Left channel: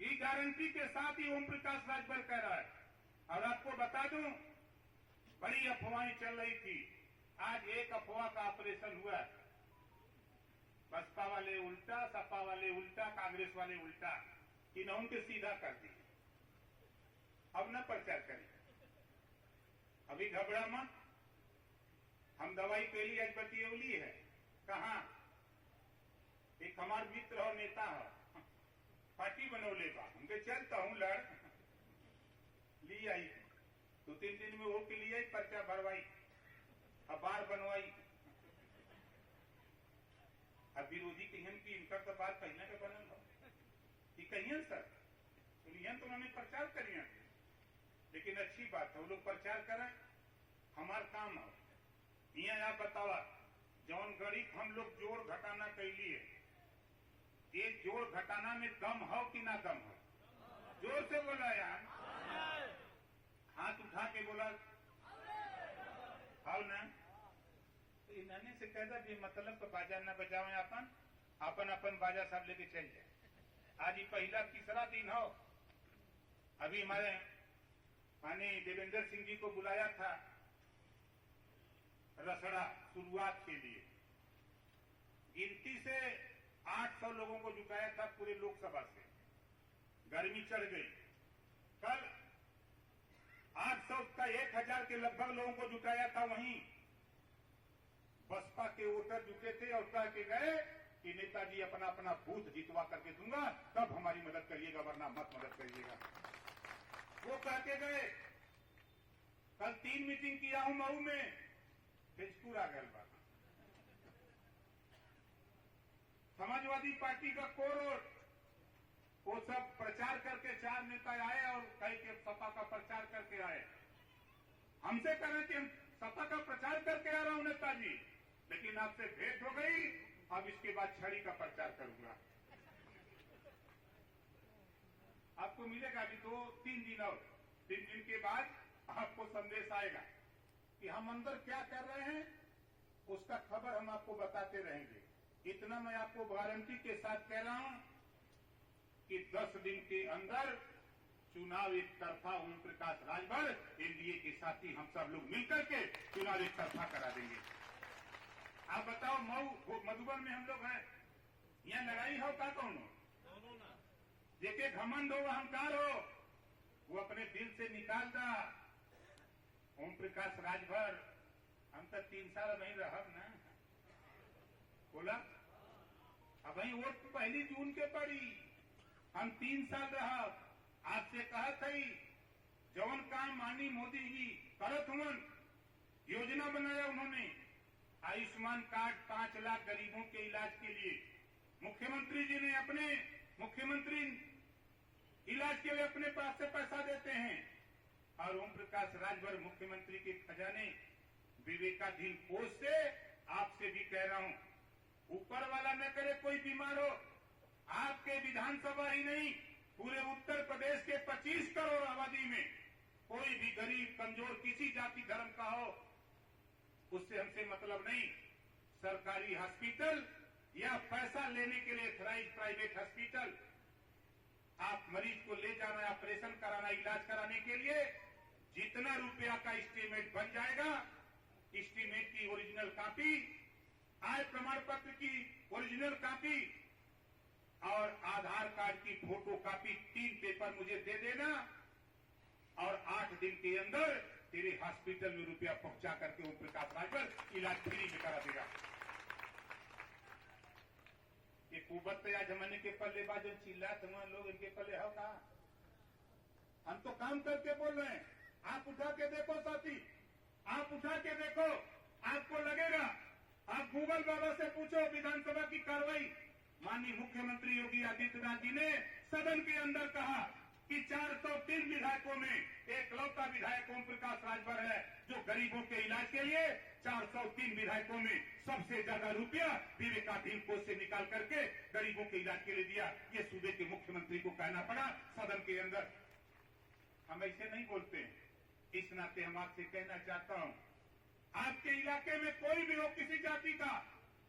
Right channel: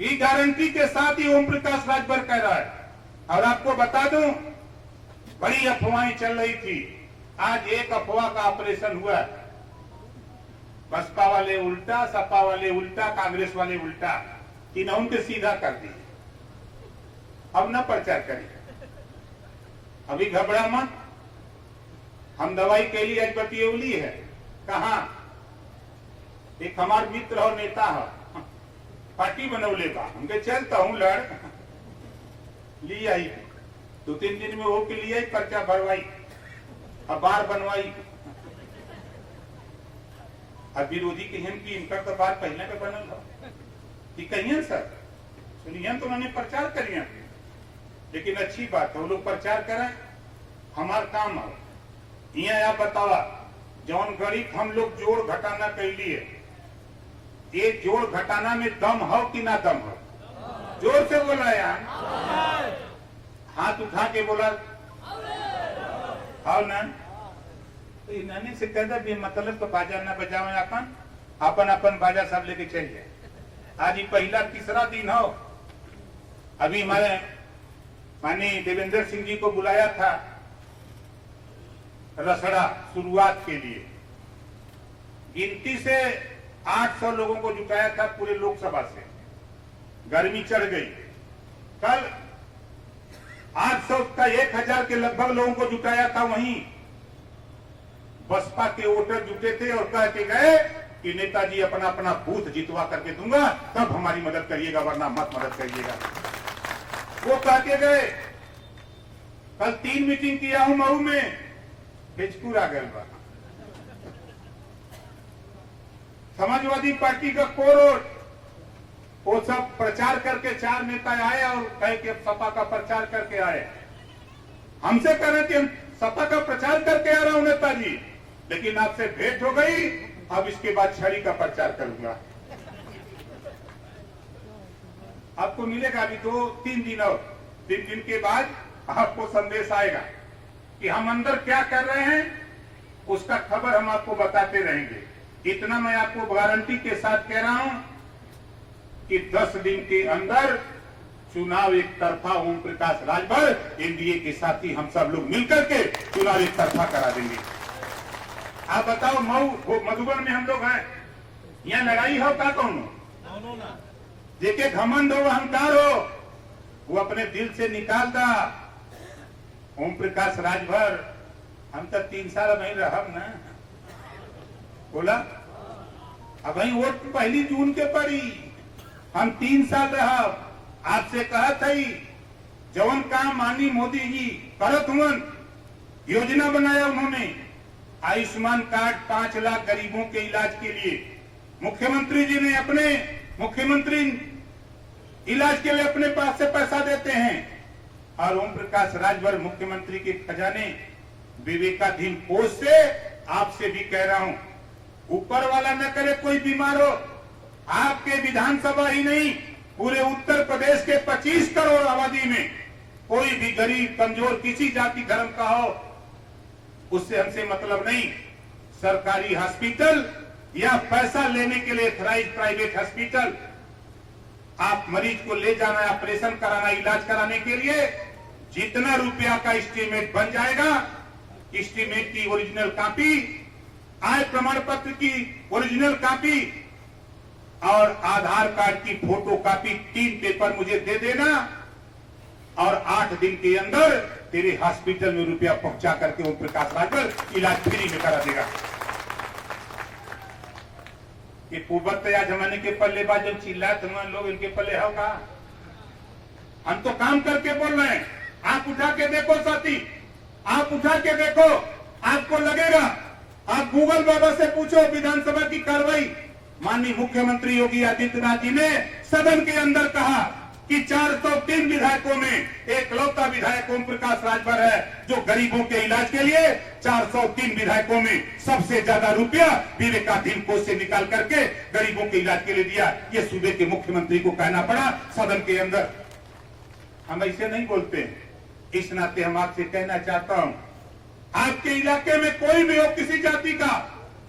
ये गारंटी के साथ ही ओम प्रकाश राजभर कह रहा है। और आपको बता दूं, बड़ी अफवाहें चल रही थी, आज एक अफवाह का ऑपरेशन हुआ। बसपा वाले उल्टा, सपा वाले उल्टा, कांग्रेस वाले उल्टा, तीनों के सीधा कर दिए। अब न प्रचार करिए, अभी घबरा मत। हम दवाई के लिए आज बतियौली है। कहा एक हमार मित्र और नेता है, पार्टी बनौले बा, हमके चलता हूं लड़ ली आई 2-3 दिन में वो के लिए पर्चा भरवाई, अखबार बनवाई। अब विरोधी कहन की इनका तो बात पहले के बनल है कि कहिए सर सुनिए तो उन्होंने प्रचार करिए, लेकिन अच्छी बात है वो लोग प्रचार करें, हमार काम है। यहाँ आप बतावा जौन गरीब हम लोग जोड़ घटाना कैलिए, ये जोड़ घटाना में दम हो कि ना दम हो? जोर से बोला यार, हाथ उठा के बोला आओ ना। तो इन्होंने से कह दा मतलब तो बाजा ना बजाओ, अपन अपन बाजा सब लेके चल जाए। आज ही पहला तीसरा दिन हो। अभी हमारे माननीय देवेंद्र सिंह जी को बुलाया था रसड़ा शुरुआत के लिए, गिनती से 800 लोगों को जुटाया था पूरे लोकसभा से। गर्मी चढ़ गई, कल 800 का 1000 के लगभग लोगों को जुटाया था। वहीं बसपा के वोटर जुटे थे और कह के गए कि नेताजी अपना अपना बूथ जितवा करके दूंगा, तब हमारी मदद करिएगा, वरना मत मदद करिएगा। वो कह के गए। कल 3 मीटिंग किया हूं मऊ में, हिचकुर आ गए बा। समाजवादी पार्टी का कोर वो सब प्रचार करके 4 नेता आए और कहे कि सपा का प्रचार करके आए। हमसे कह रहे कि हम सपा का प्रचार करके आ रहा हूं नेताजी, लेकिन आपसे भेंट हो गई, अब इसके बाद छड़ी का प्रचार करूंगा। आपको मिलेगा अभी 2-3 दिन और 3 दिन के बाद आपको संदेश आएगा कि हम अंदर क्या कर रहे हैं, उसका खबर हम आपको बताते रहेंगे। इतना मैं आपको गारंटी के साथ कह रहा हूं कि 10 दिन के अंदर चुनाव एक तरफा ओम प्रकाश राजभर एनडीए के साथी हम सब लोग मिलकर के चुनाव एक तरफा करा देंगे। आप बताओ मऊ मधुबन में हम लोग हैं, यहाँ लड़ाई हो का कौन? जेके घमंड हो अहंकार हो वो अपने दिल से निकाल दा। ओम प्रकाश राजभर हम तो 3 साल नहीं रह ना, बोला अब वही वोट 1 जून के पड़ी, हम 3 साल रहा। आपसे कहा था जवन काम माननीय मोदी जी करत हुए, योजना बनाया उन्होंने, आयुष्मान कार्ड 5 लाख गरीबों के इलाज के लिए। मुख्यमंत्री जी ने अपने मुख्यमंत्री इलाज के लिए अपने पास से पैसा देते हैं, और ओम प्रकाश राजभर मुख्यमंत्री के खजाने विवेकाधीन कोष से आपसे भी कह रहा हूं, ऊपर वाला न करे कोई बीमार हो, आपके विधानसभा ही नहीं पूरे उत्तर प्रदेश के 25 करोड़ आबादी में कोई भी गरीब कमजोर किसी जाति धर्म का हो, उससे हमसे मतलब नहीं। सरकारी हॉस्पिटल या पैसा लेने के लिए ऑथराइज्ड प्राइवेट हॉस्पिटल, आप मरीज को ले जाना, ऑपरेशन कराना, इलाज कराने के लिए जितना रुपया का एस्टीमेट बन जाएगा, एस्टीमेट की ओरिजिनल कॉपी, आय प्रमाण पत्र की ओरिजिनल कॉपी और आधार कार्ड की फोटो कॉपी, 3 पेपर मुझे दे देना, और 8 दिन के अंदर तेरे हॉस्पिटल में रुपया पहुंचा करके ओम प्रकाश राजभर इलाज फ्री में करा देगा। ये कुबत या जमाने के पल्ले बाज जब चिल्ला तुम लोग इनके पल्ले हो का? हम तो काम करके बोल रहे हैं। आप उठा के देखो साथी, आप उठा के देखो, आपको लगेगा। आप गूगल बाबा से पूछो विधानसभा की कार्रवाई। माननीय मुख्यमंत्री योगी आदित्यनाथ जी ने सदन के अंदर कहा कि 403 विधायकों में एकलौता विधायक ओम प्रकाश राजभर है जो गरीबों के इलाज के लिए 403 विधायकों में सबसे ज्यादा रुपया विवेकाधीन कोष से निकाल करके गरीबों के इलाज के लिए दिया। ये सूबे के मुख्यमंत्री को कहना पड़ा सदन के अंदर। हम ऐसे नहीं बोलते, इस नाते हम आपसे कहना चाहता हूं, आपके इलाके में कोई भी हो, किसी जाति का,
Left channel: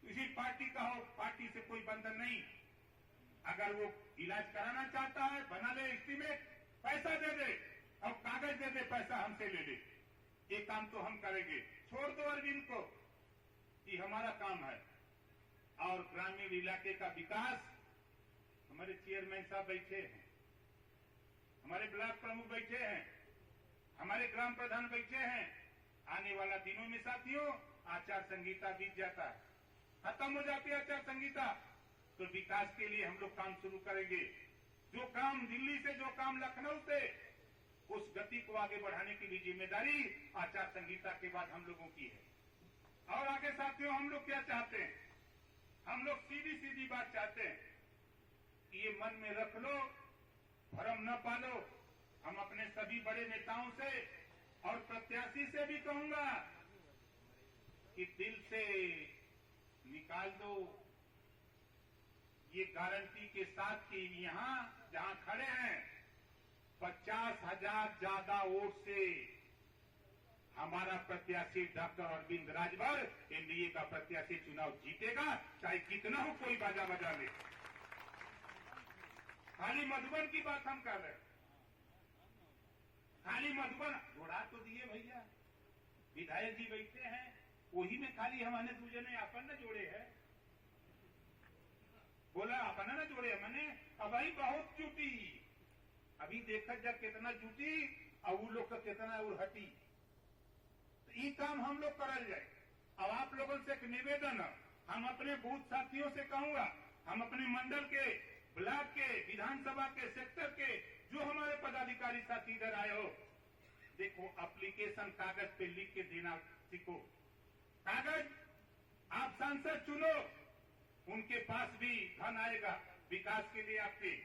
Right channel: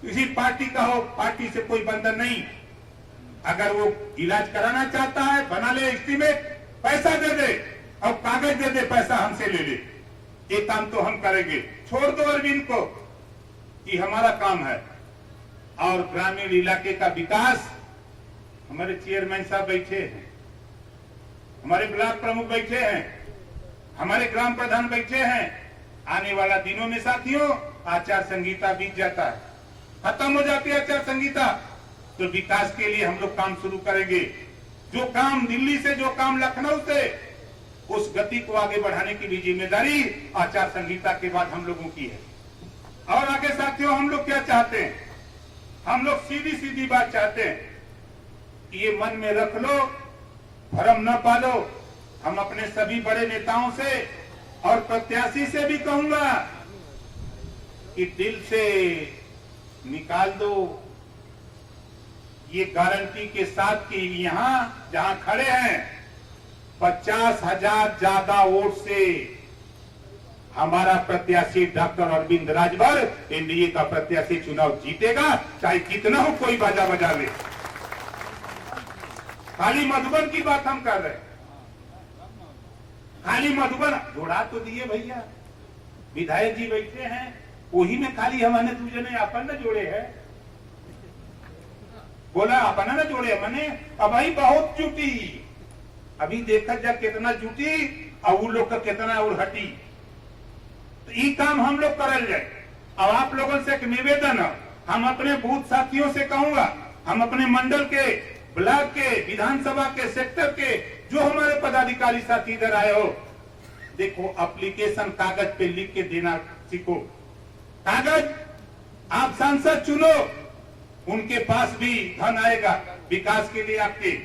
किसी पार्टी का हो, पार्टी से कोई बंधन नहीं। अगर वो इलाज कराना चाहता है बना ले एस्टीमेट, पैसा दे दे और कागज दे दे, पैसा हमसे ले ले, ये काम तो हम करेंगे। छोड़ दो अरविंद को, कि हमारा काम है। और ग्रामीण इलाके का विकास, हमारे चेयरमैन साहब बैठे हैं, हमारे ब्लॉक प्रमुख बैठे हैं, हमारे ग्राम प्रधान बैठे हैं। आने वाला दिनों में साथियों आचार संहिता बीत जाता है, खत्म हो जाती है आचार संहिता, तो विकास के लिए हम लोग काम शुरू करेंगे। जो काम दिल्ली से, जो काम लखनऊ से, उस गति को आगे बढ़ाने की भी जिम्मेदारी आचार संहिता के बाद हम लोगों की है। और आगे साथियों हम लोग क्या चाहते हैं? हम लोग सीधी सीधी बात चाहते हैं, ये मन में रख लो, भ्रम न पालो। हम अपने सभी बड़े नेताओं से और प्रत्याशी से भी कहूंगा कि दिल से निकाल दो ये गारंटी के साथ कि यहां जहां खड़े हैं 50,000 ज्यादा वोट से हमारा प्रत्याशी डॉक्टर अरविंद राजभर एनडीए का प्रत्याशी चुनाव जीतेगा, चाहे कितना हो कोई बाजा बजा ले। खाली मधुबन की बात हम कर रहे हैं, खाली मधुबन जोड़ा तो दिए भैया, विधायक जी बैठे हैं, वही में खाली हमने तुझे ने अपन न जोड़े है, बोला अपन न जोड़े मैंने। अब भाई बहुत जुटी, अभी देखा जा कितना जुटी और वो लोग का कितना और हटी, तो ये काम हम लोग करल जाए। अब आप लोगों से एक निवेदन है, हम अपने बूथ साथियों से कहूंगा, हम अपने मंडल के, ब्लॉक के, विधानसभा के, सेक्टर के जो हमारे पदाधिकारी साथी इधर आए हो, देखो एप्लीकेशन कागज पे लिख के देना सीखो। कागज आप सांसद चुनो, उनके पास भी धन आएगा विकास के लिए आपके,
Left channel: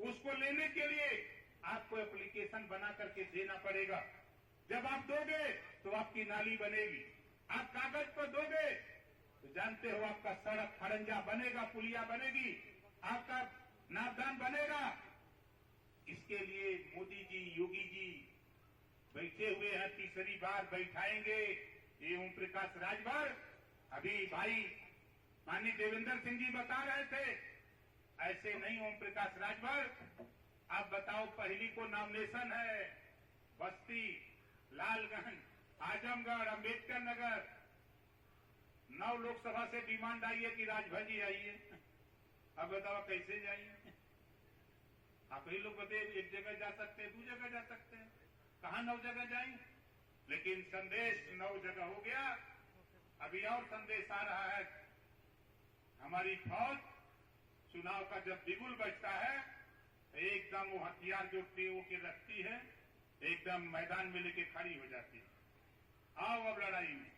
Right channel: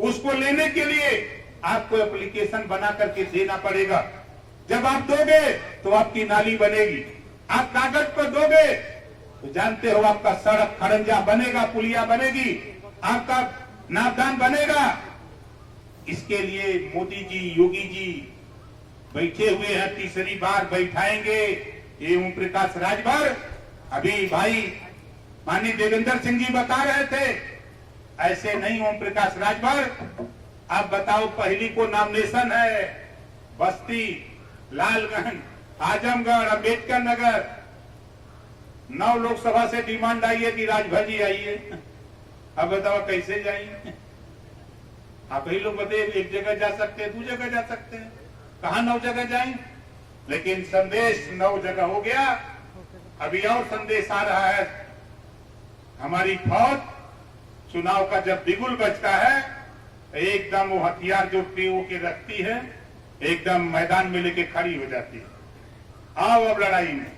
उसको लेने के लिए आपको एप्लीकेशन बना करके देना पड़ेगा। जब आप दोगे तो आपकी नाली बनेगी, आप कागज पर दोगे तो जानते हो आपका सड़क खड़ंजा बनेगा, पुलिया बनेगी, आपका नापदान बनेगा। इसके लिए मोदी जी, योगी जी बैठे हुए हैं, तीसरी बार बैठाएंगे ये ओम प्रकाश राजभर। अभी भाई माननीय देवेंद्र सिंह जी बता रहे थे, ऐसे नहीं ओम प्रकाश राजभर। आप बताओ, पहली को नॉमिनेशन है बस्ती, लालगंज, आजमगढ़, अम्बेडकर नगर, 9 लोकसभा से डिमांड आई है कि राजभर जी आइए। अब बताओ कैसे जाएंगे? आप ही लोग बताइए, एक जगह जा सकते हैं, 2 जगह जा सकते हैं, कहा 9 जगह जाएंगे? लेकिन संदेश 9 जगह हो गया। अभी और संदेश आ रहा है, हमारी फौज चुनाव का जब बिगुल बजता है एकदम वो हथियार जो पीओ के रखती है एकदम मैदान में लेके खड़ी हो जाती है। आओ अब लड़ाई में,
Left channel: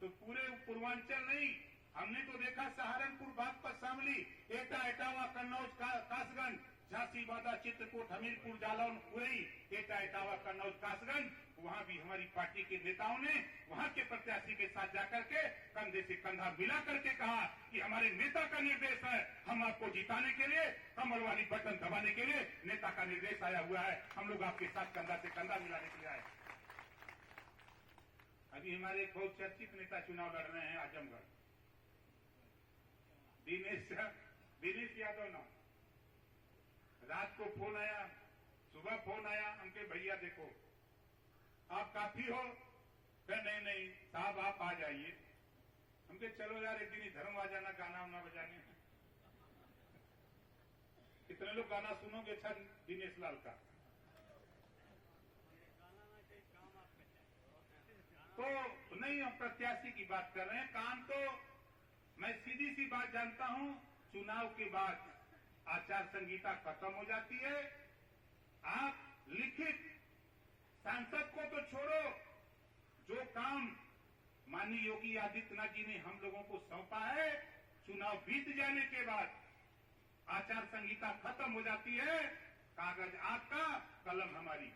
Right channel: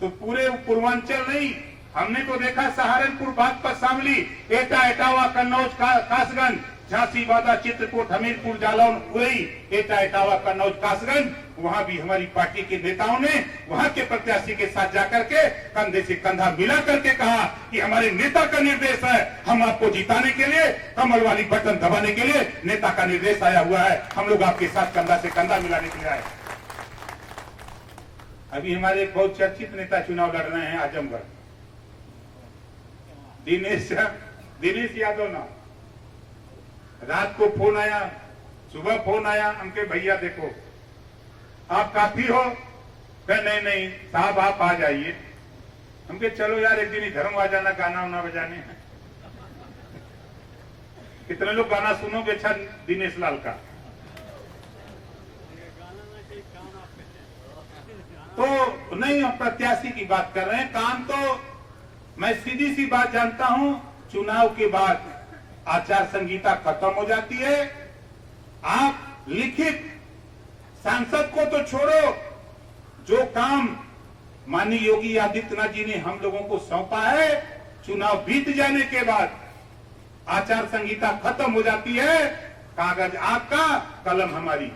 तो पूरे पूर्वांचल नहीं, हमने तो देखा सहारनपुर, बागपत, शामली, एटा, एटावा, कन्नौज, कासगंज, झांसी, बादा, चित्रकूट, हमीरपुर, जालौन, उरई, एटा, एटावा, कन्नौज, कासगंज, वहां भी हमारी पार्टी के नेताओं ने वहां के प्रत्याशी के साथ जाकर के कंधे से कंधा मिला करके कहा कि हमारे नेता का निर्देश है, हम आपको जिताने के लिए, कमल वाली बटन दबाने के लिए नेता का निर्देश आया हुआ है, हम लोग आपके साथ कंधा से कंधा मिलाने के लिए आए। अभी हमारे एक बहुत चर्चित नेता चुनाव लड़ रहे हैं आजमगढ़, दिनेश यादव ना। रात को फोन आया, सुबह फोन आया, हमके भैया देखो आप काफी हो, कहे नहीं नहीं साहब आप आ जाइए। हमके चलो यार एक दिन इधर आ जाना, गाना उना बजाने। कितने लोग गाना सुनोगे? अच्छा दिनेश लाल का। तो नहीं, हम प्रत्याशी की बात कर रहे हैं। काम तो मैं सीधी सी बात जानता हूं, चुनाव के बाद आचार संहिता खत्म हो जाती है। आप लिखित, सांसद को तो छोड़ो, जो काम माननीय योगी आदित्यनाथ जी ने हम लोगों को सौंपा है, चुनाव बीत जाने के बाद आचार संहिता खत्म हो जाती है। कागज आपका, कलम हमारी,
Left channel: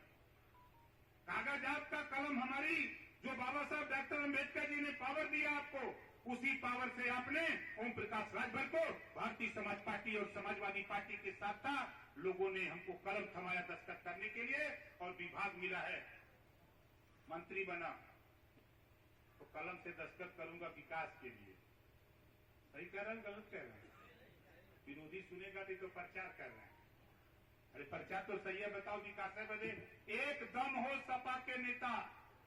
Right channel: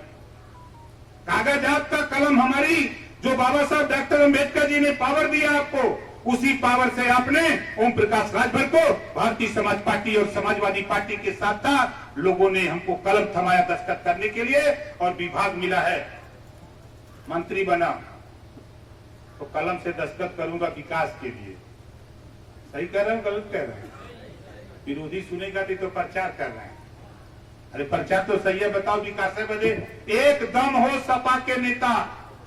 कागज आपका, कलम हमारी। जो बाबा साहब डॉक्टर अम्बेडकर जी ने पावर दिया आपको, उसी पावर से आपने ओम प्रकाश राजभर को भारतीय समाज पार्टी और समाजवादी पार्टी के साथ था, लोगों ने हमको कलम थमाया दस्तखत करने के लिए और विभाग मिला है। मंत्री बना तो कलम से दस्तखत करूंगा विकास के लिए। सही कह रहे हूं, गलत कह रहे हैं? विरोधी सुनेगा तो प्रचार कर रहे हैं। अरे प्रचार तो सही है, बताओ विकास है बजे एक दम हो सपा के नेता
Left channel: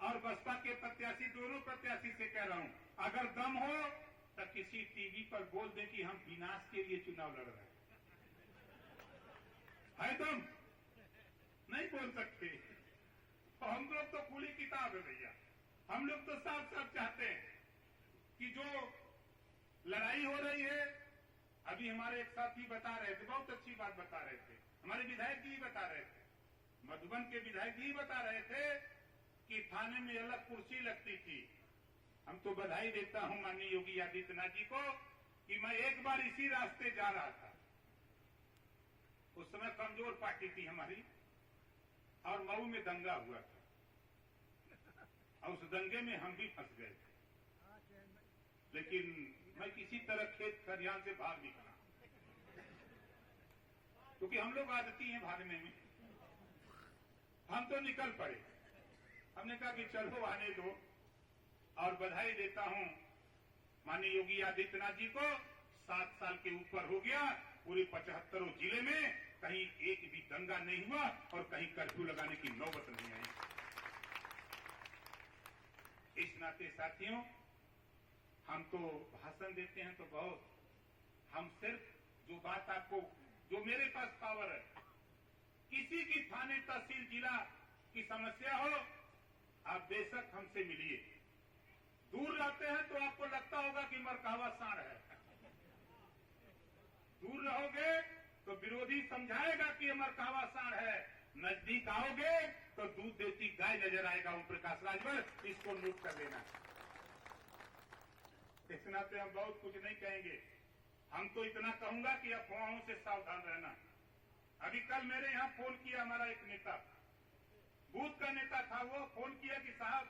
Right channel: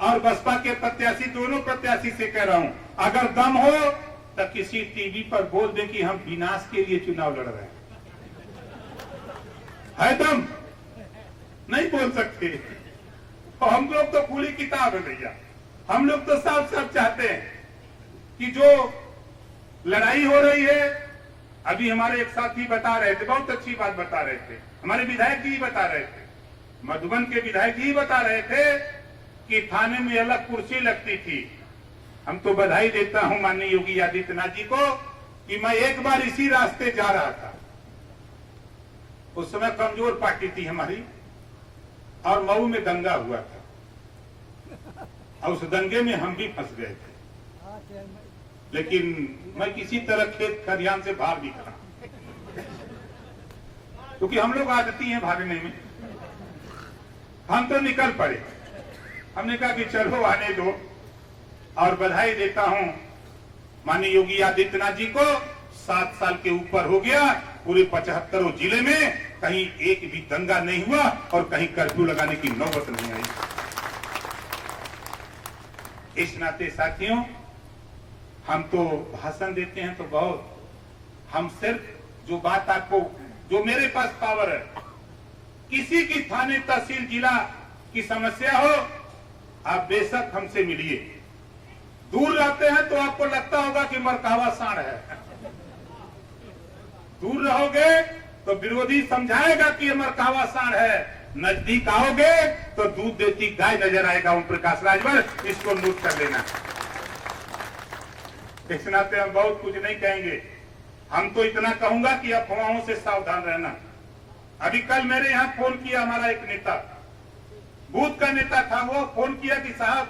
और बसपा के प्रत्याशी, दोनों प्रत्याशी से कह रहा हूं, अगर दम हो तो किसी टीवी पर बोल दे कि हम विनाश के लिए चुनाव लड़ रहे हैं। है दम? नहीं बोल सकते। तो हम लोग तो खुली किताब है भैया, हम लोग तो साफ साफ चाहते हैं कि जो लड़ाई हो रही है, अभी हमारे एक साथी बता रहे थे, बहुत अच्छी बात बता रहे थे, हमारे विधायक जी बता रहे थे, मधुबन के विधायक जी बता रहे थे कि थाने में अलग कुर्सी लगती थी। हम तो बधाई देता हूं माननीय योगी आदित्यनाथ जी को कि मैं एक बार इसी रास्ते जा रहा था, उस समय कमजोर पार्टी थी हमारी और मऊ में दंगा हुआ था और उस दंगे में हम भी फंस गए थे, लेकिन मैं किसी तरह खेत खलिहान से भाग निकला, क्योंकि हम लोग आदती हैं भागने में। हम तो निकल पड़े, हमने कहा कि चलो आने दो, और बधाई देता हूं माननीय योगी आदित्यनाथ जी को, 7 साल के ऊपर हो गया, पूरे 75 जिले में कहीं एक भी दंगा नहीं हुआ और कहीं कर्फ्यू लगाने की नौबत नहीं आई। इस नाते साथियों, हम तो भाषण देते हैं तो बहुत, हम सिर्फ जो बात आपको, जो मेरे पास पावर है, किसी की थाने तहसील जिला की समस्या हो, आप बेशक हमसे मिलिए। दूर रहते हैं तो आपको लगता होगा कि मरकावा सांड है, दूर रहोगे तो विरोधी समझाएगा कि ये मरकावा सांड है, नजदीक आओगे तो दूध देती गाय नजर आएगा। ओम प्रकाश राजभर, इसको नोट कर लेना। इस नाते हम बहुत कुछ नहीं कहेंगे, हम तो इतना कहूंगा कि अफवाहों से सावधान रहना। अभी कल मेरे यहाँ फोन किया हमारा एक नेता, बूथ का नेता था, वो फोन किया कि साहब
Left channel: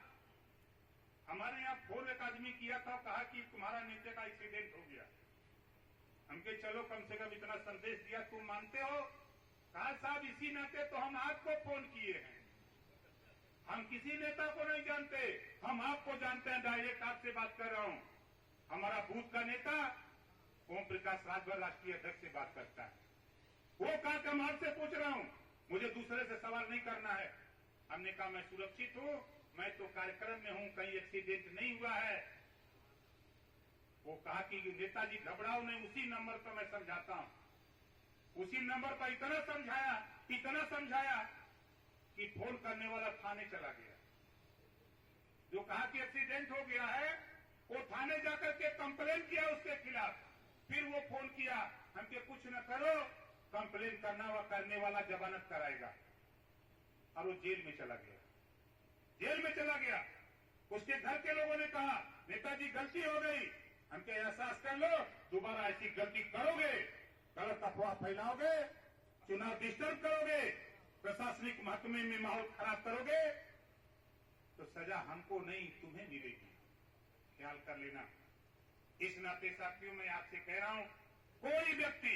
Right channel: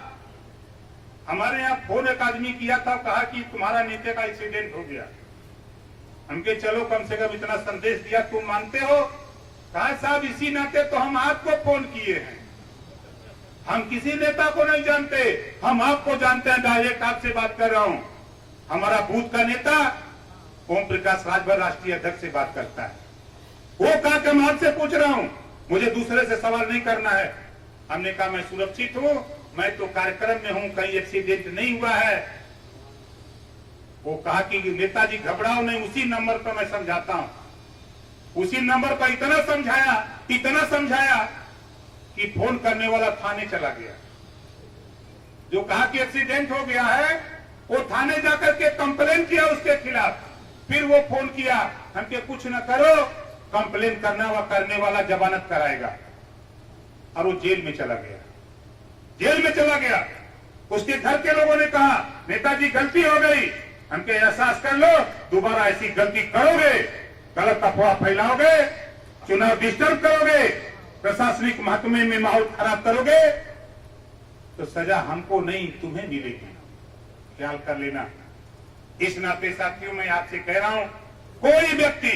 हमारे यहाँ फोन एक आदमी किया था, कहा कि तुम्हारा नेता का एक्सीडेंट हो गया। हमके चलो कम से कम इतना संदेश दिया, तुम मानते हो? कहा साहब इसी नाते तो हम आपको फोन किए हैं, हम किसी नेता को नहीं जानते, हम आपको जानते हैं, डायरेक्ट आपसे बात कर रहा हूं। हमारा बूथ का नेता ओम प्रकाश राजभर राष्ट्रीय अध्यक्ष से बात करता है। वो कहा कि मैं आपसे पूछ रहा हूं, मुझे दूसरे से सवाल नहीं करना है। हमने कहा मैं सुरक्षित हूं, मैं तो कार्यक्रम में हूं, कहीं एक्सीडेंट नहीं हुआ है। वो कहा कि नेताजी घबराओ नहीं, उसी नंबर पर मैं समझाता हूं। उसी नंबर पर इतना समझाया कि फोन करने वाला थाने चला गया। जो कहा कि एक्सीडेंट हो गया है, वो थाने जाकर के कंप्लेन किया उसके खिलाफ। फिर वो फोन किया, हमके कुछ न करो, कंप्लेन करने वाला जमानत कराएगा, और वो जेल में चला गया। उसके घर के लोगों ने कहा नेताजी गलती हो गई, हमके एहसास कर लो, दोबारा ऐसी गलती करोगे, गलत अफवाह फैलाओगे, चुनाव डिस्टर्ब करोगे, प्रशासनिक महकमे में माहौल खराब करोगे, तो सजा हमको नहीं तुम्हें मिलेगी, ख्याल कर लेना। इस नाते साथियों मैं आपसे कह रहा हूं, कोई व्यक्ति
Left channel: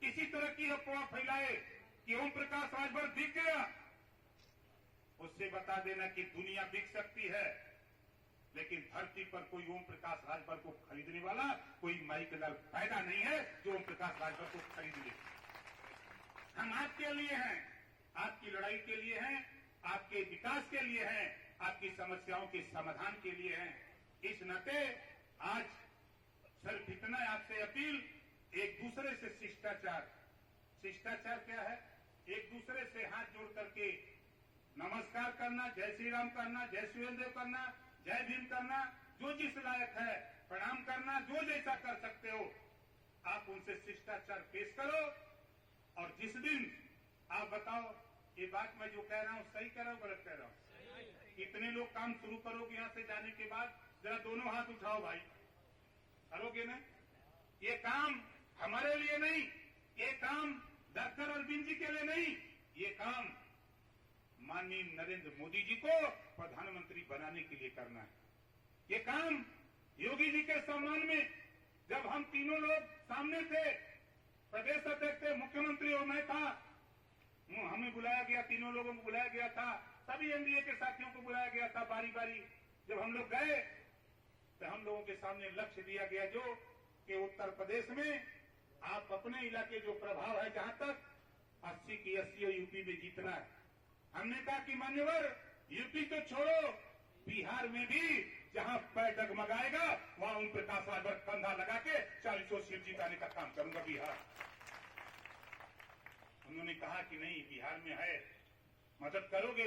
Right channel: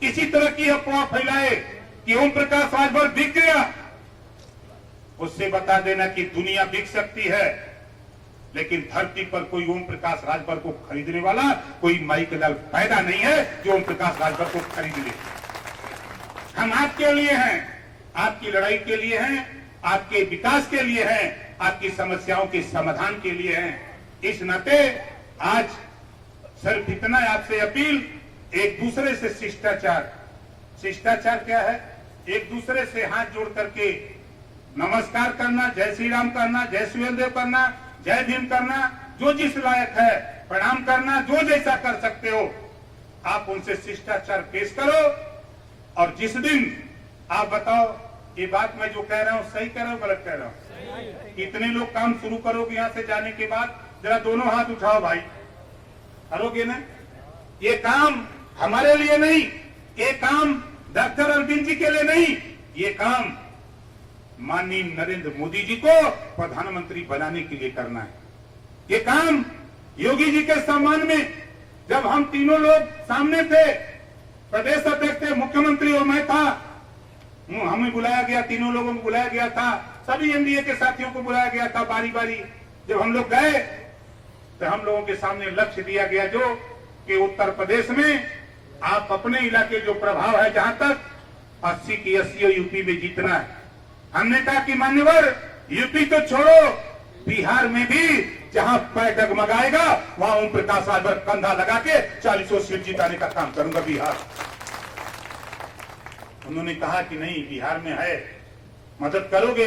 किसी तरह की अफवाह फैलाए कि ओम प्रकाश राजभर बिक गया, उससे बता देना कि दुनिया बिक सकती है, लेकिन धरती पर कोई ओम प्रकाश राजभर को खरीदने वाला कोई माइक लाल पैदा नहीं है जो ओम प्रकाश राजभर को खरीद ले। हम आपके लिए हैं, आपकी लड़ाई के लिए हैं, आपके विकास के लिए हैं, आपकी समस्याओं के समाधान के लिए हैं। इस नाते आज सिर्फ इतना आपसे अपील, एक दूसरे से शिष्टाचार क्या है? एक दूसरे से हाथ जोड़ करके नमस्कार करना, जय श्री राम करना, जय सूर्यदेव करना, जय भीम करना, जो जिस लायक है प्रणाम करना, जो जैसा कर सकते हो आप उनसे शिष्टाचार पेश करो। और जिस दिन आप बताओ ये बात मैं जो कह रहा हूं सही कह रहा हूं गलत कह रहा हूं? कितने लोग काम शुरू करोगे यहां से जाने के बाद? जरा दोनों हाथ उठाओ भाई, करोगे ना? ये काम हमारे लिए नहीं, ये काम डॉक्टर अरविंद जी के लिए नहीं, ये काम माननीय नरेंद्र मोदी जी को प्रधानमंत्री बनाने के लिए करना है। ये काम योगी जी के सम्मान में, जब हम तीनों लोग सामने थे, प्रदेश अध्यक्ष थे, मुख्यमंत्री और मैं था, हमें बुलाया गया, तीनों लोगों को बुलाया गया था, सभी एनडीए के साथियों को बुलाया गया था बारी बारी। जब हम लोग गए तो हम लोगों के सामने लक्ष्य दिया गया जो कि उत्तर प्रदेश में आप अपने इलाके जो प्रभाव है जहां तक 80 की 80 यूपी में जीतना है। हमने कहा कि मान्यवर यूपी तो छोड़ो, बिहार में भी जहां पैर डगमगाएगा वहां ओम प्रकाश राजभर कंधा लगा के 40 सीट जिताने का काम करूंगा बिहार। उन्होंने कहा कि नहीं, बिहार में है, मदद करोगे,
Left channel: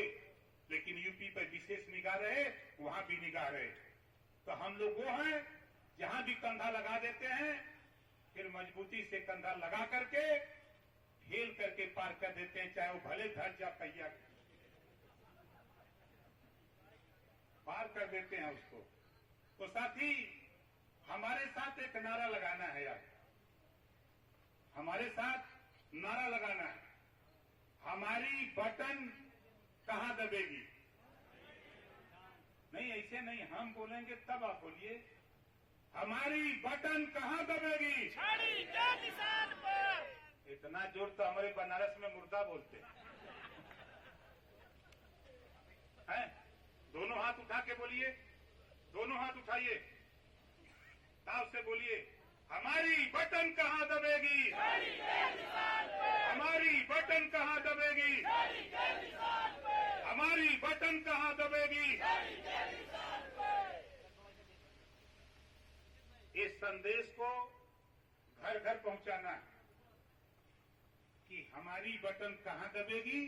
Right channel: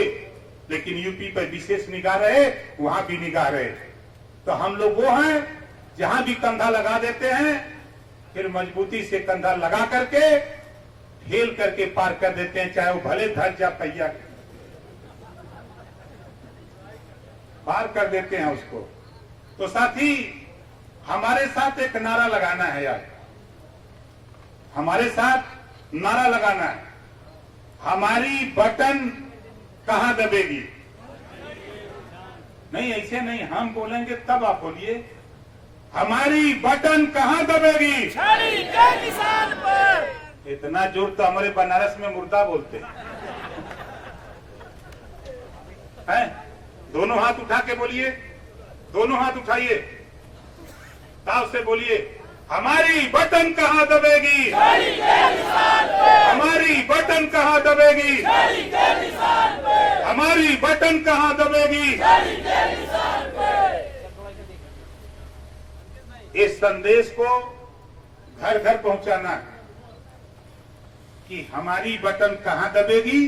लेकिन यूपी पर विशेष निगाह रहे, वहां भी निगाह रहे। तो हम लोग वो हैं जहां भी कंधा लगा देते हैं, फिर मजबूती से कंधा लगा करके ठेल करके पार कर देते हैं, चाहे वो भले धर जा पहिया पार कर देते हैं उसको। तो साथी, हमारे साथ एक नारा लगाना है यार, हमारे साथ नारा लगाना है। हमारी बटन कहां दबेगी? नहीं, ऐसे नहीं, हम बोलेंगे तब आप बोलिए। हमारी बटन कहां दबेगी? छड़ी के निशान पर। इतना जोर तो हमारे बनारस में मुर्दा बोलते हैं। दोनों हाथ उठा के बोलिए, दोनों हाथ उठाइए, ताव से बोलिए, हमारी बटन कहां दबेगी? छड़ी के निशान पर। हमारी बटन कहां दबेगी? छड़ी के निशान पर। हमारी बटन कहां दबेगी? छड़ी के निशान पर। इस संदेश को घर घर पहुंचाना है कि हमारी बटन कहां दबेगी?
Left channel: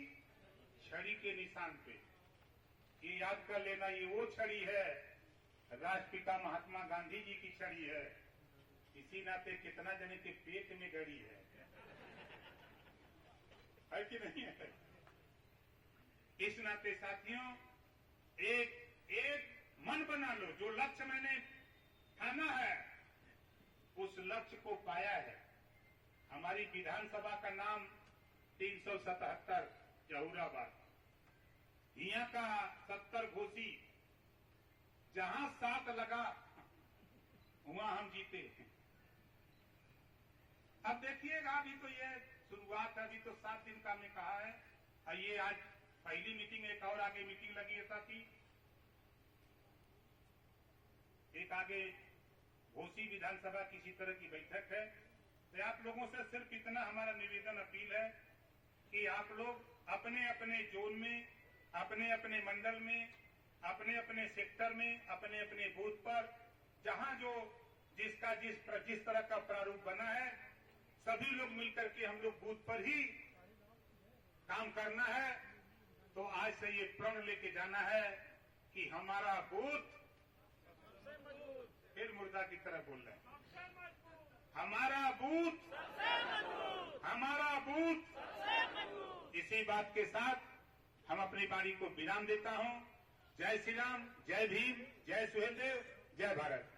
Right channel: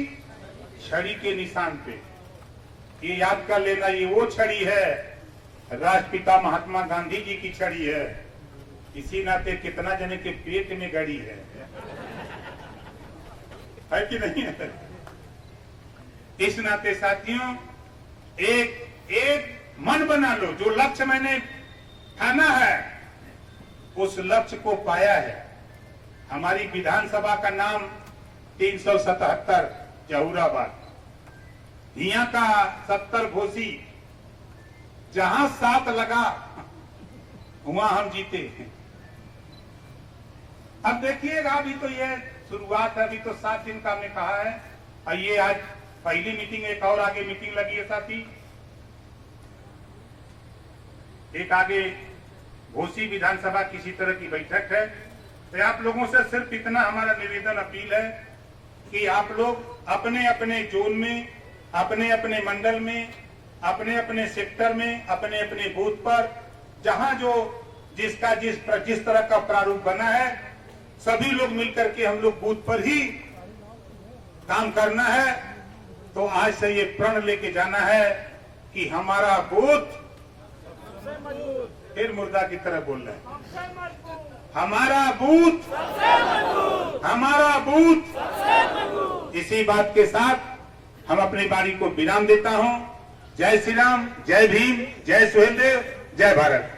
छड़ी के निशान पे। ये याद कर लेना, ये वो छड़ी है, राष्ट्रपिता महात्मा गांधी जी की छड़ी है। इसी नाते कितना जने के पेट में गड़ी है कि नहीं है? इस नाते साथियों, एक मन बना लो, जो लक्ष्य मैंने ठाना है उस लक्ष्य को पाया है। हमारी विधानसभा का नाम 377 जहूराबाद, यहाँ का 70 घोसी, जहां 7 लगा वहां हम जीते। अब देखिएगा, अभी तो ये शुरुआत है, अभी तो 7 दिन का हमने कहा है। और ये आज पहली मीटिंग, एक और आगे मीटिंग लगी है साथी, एक आगे घोसी विधानसभा किसी तरह की बैठक है। तो आप लोगों से सिर्फ इतना हमारा निवेदन, अपील है कि आप लोग अपने अपने जोन में, अपने अपने मंडल में, अपने अपने सेक्टर में, अपने अपने बूथ पर, जहां जो जिसका जिस तरह का प्रारूप बना है, सभी लोग मिलकर के हम लोग बूथ पर ही काम करना है। तो आज से ये प्रण लेके जाना है कि हमारा बूथ, फिर मुर्दा की तरह बोल रहे हैं, हमारा बूथ, हमारा बूथ। इसी बात के साथ हम अपनी बारी को विराम देता हूं। जय श्री राम, जय भीम, जय सुहेलदेव, जय भारत।